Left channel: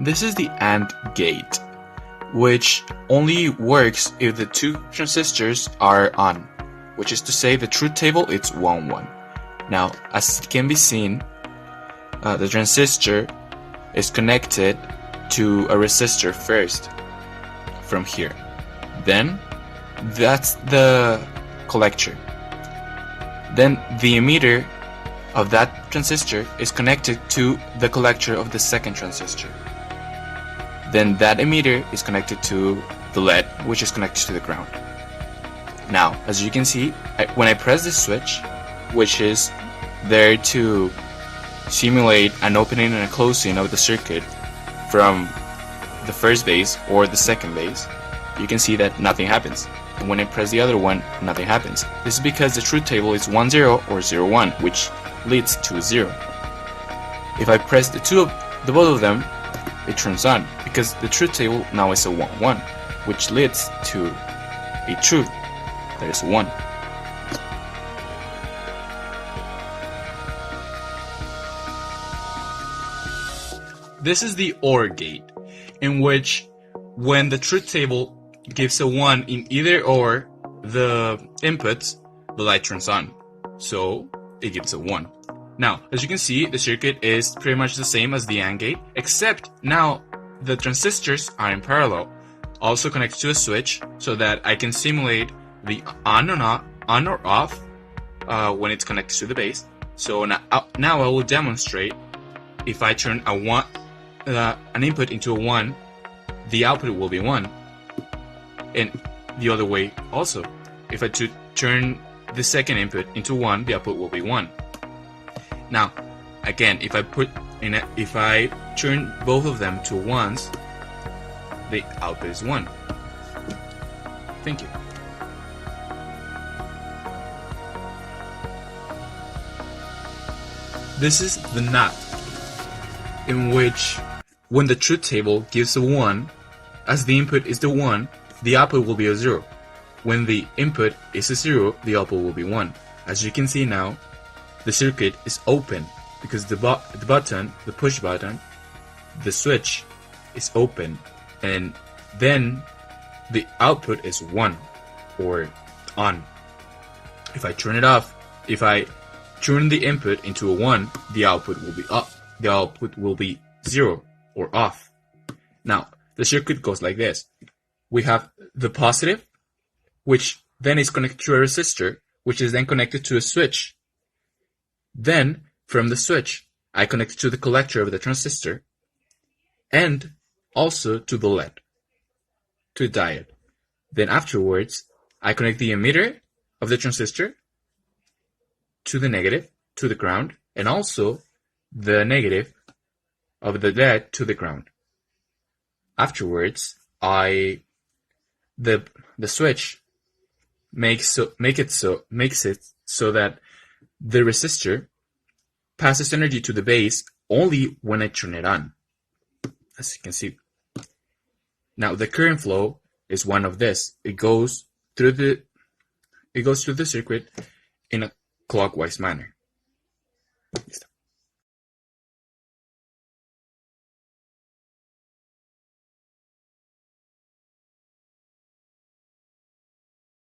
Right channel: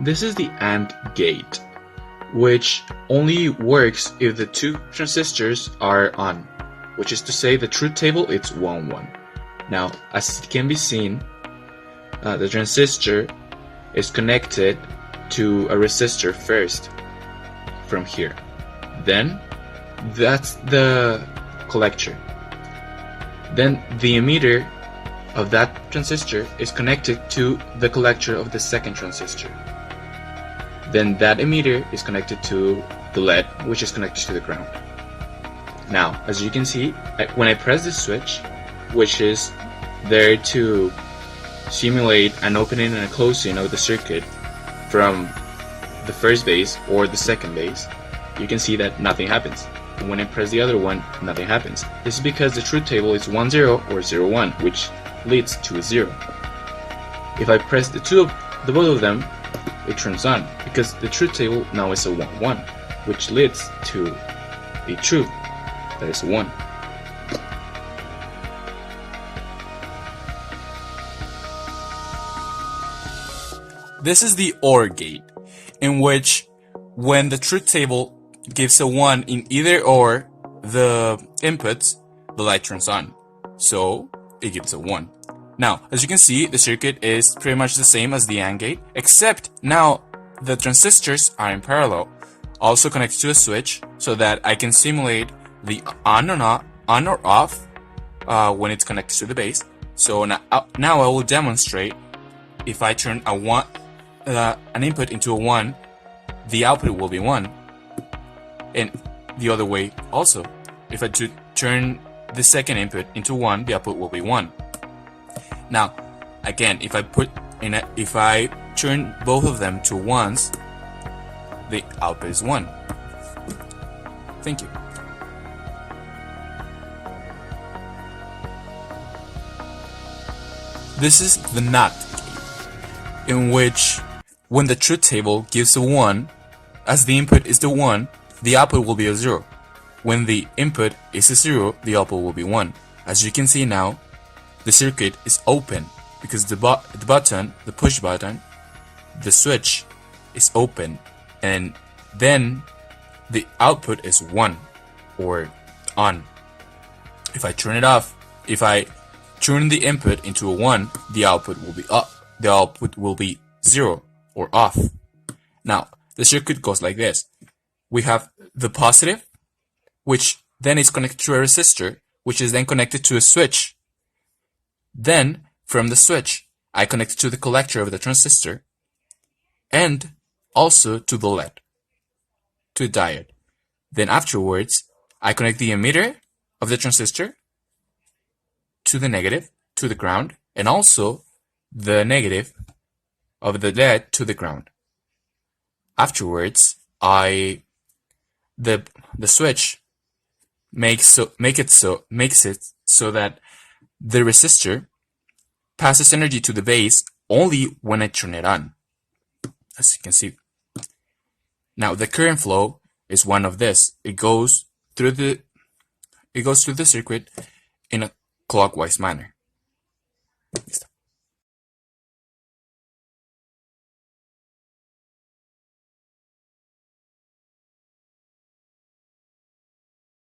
This is the AND gate, which only works if the two transistors are on, which is to say the truth table it's 1, 1. Now, as it can be seen, the transistor is connected to a resistor first from here. Then that's the collector. Then the emitter of that transistor is connected to the collector of the second transistor. Then that emitter is connected to the LED, which is connected to the ground. Now, as you can see, when I press this switch, which is there to simulate an opening and a closing of the circuit from the first base or the second base, you can see that nothing happens. And when I press the other one, nothing happens. This is because the truth table is 1, 0 or 0, 1, which leads to a 0. If I press the both of them, it turns on, because the truth table now is a 1, 1, which leads to a truth that is a 1. This is the OR gate, in which when the truth table gives a 1 in either or the inputs, the light turns on, so it gives a 1. Now, as you can see, the circuit is pretty much the same as the AND gate, except now the transistors are in parallel, also connected to a switch, so that I can simulate the on or off when it's connected to the base. So now I will demonstrate if I turn an input into a 1, the output will be 1, and the other way also. If I turn the second input into 1, the output will be 1. Now, again, if I turn both of them to 1s, the output is 1. Thank you. This is the NOT, in which when the truth table gives a 1, as the input is the 1, the output will be a 0. When the input is a 0, the output will be 1. As you can see now, the circuit is open because the push button, the switch is open, and then the output is 1 or on. If I turn it off, if I turn the input into a 1, the output will be up. The output will be 0 or off. Now, the circuit goes like this. We have the positive, which then is connected to a resistor, which is then connected to a switch. Then, from the switch, I connect it to the collector of the transistor, and also to the LED, to the diode. Then afterwards, I connect the emitter of the transistor to the negative, to the ground, and also the negative of the LED to the ground. Afterwards, the switch makes it so that the resistor passes energy to the base only when I turn it on, as you can see. Now the current flow is one of this. It goes through the circuit in a clockwise manner.